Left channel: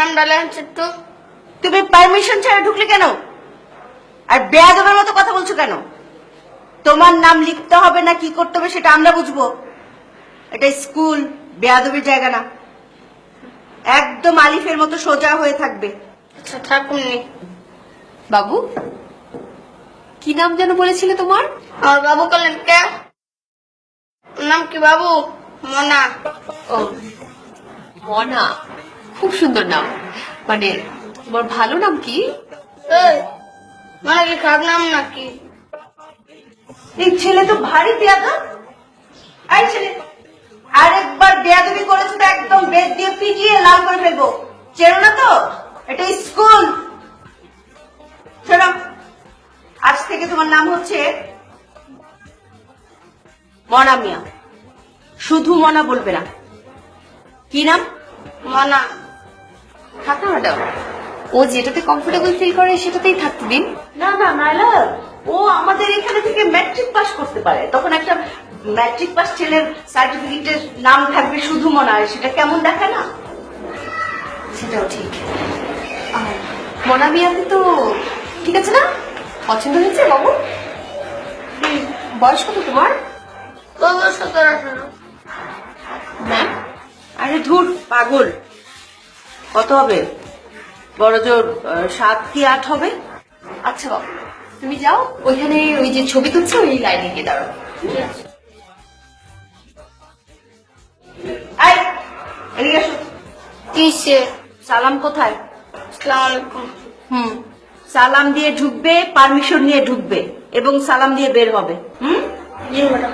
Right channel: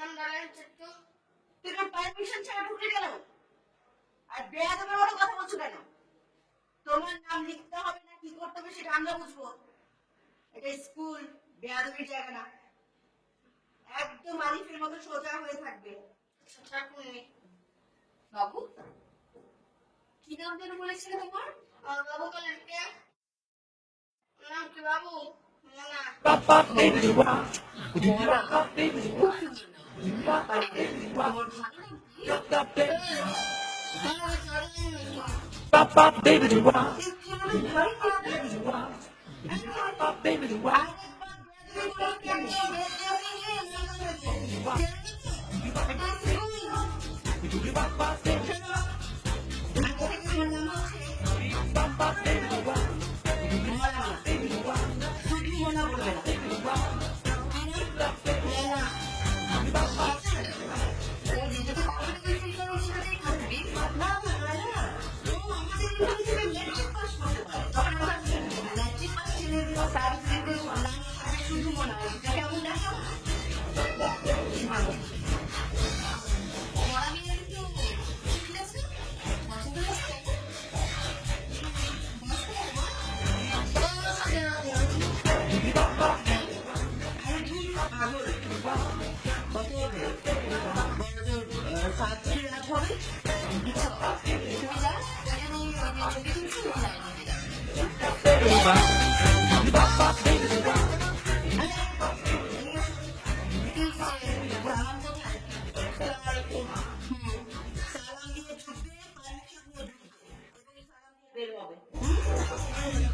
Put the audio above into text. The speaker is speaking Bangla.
নামটা লেখেন একটু। তুমি পারমিশন ছাড়া ঢুকলে কেন? আর বেয়াদবের মতো কথা বলছো কেন? তোমার নাম লিখতে হবে না কি করতে হবে সেটা আমরা বুঝবো। এটা স্কুল, বেয়াদবির জায়গা না। একদম আলিফের মতো সোজা হয়ে থাকবে। আচ্ছা থাকুননি। বাবু, কি নাম যেন বলেছিলে তোমার? আমার বাবু বললেন কে? নাম কি বাবু? মনা। ও, মনা, খুব সুন্দর নাম। মানে তোমার ভালো নাম কি? এই, মনা কি খারাপ নাম নাকি? এই ছেলে তো ভারী বেয়াদব। এই ছেলে, আরেকবার বেয়াদবি করেছো তো একদম বেদ দিয়ে পিটিয়ে লাল করে ফেলবো। চেনো না তো? এটা স্কুল। শোনো, আজ থেকে তোমার নাম হচ্ছে মনা মিয়া। শুধু মনা বলবে না। কি নাম? মনা। থাক না ম্যাডাম, ও যেটাতে কমফোর্টেবল ফিল করে সেটাতেই থাকতে দিন। না না মাইলা, ও আমাদের এখানে থেকে ম্যাট্রিক পাস করতে পারে। তখন একটা ম্যাট্রিক পাস ছেলের সার্টিফিকেটের নাম থাকবে শুধু মনা, সেটা কেমন দেখায় না? সেটাও ঠিক। মনা মিয়াতে তো ঠিক আছে না? পছন্দ হয়েছে বাবু? বয়স কত তোমার? 17-18। ম্যাম, আরে ধুর পাগল, কত হবে? বড় জোর 7 কি 8 হবে। আচ্ছা বাবু, তুমি যাও, ওইখানে ওই যে ছবি তুলছে ওই লাইনে গিয়ে দাঁড়াও। এই, এদিকে আসো। কিসে? সালাম কোথায়? আসসালামু আলাইকুম। সালাম দিয়ে ঢুকবে, পারমিশন নিয়ে ঢুকবে এবং সালাম দিয়ে বের হবে। জি ম্যাডাম।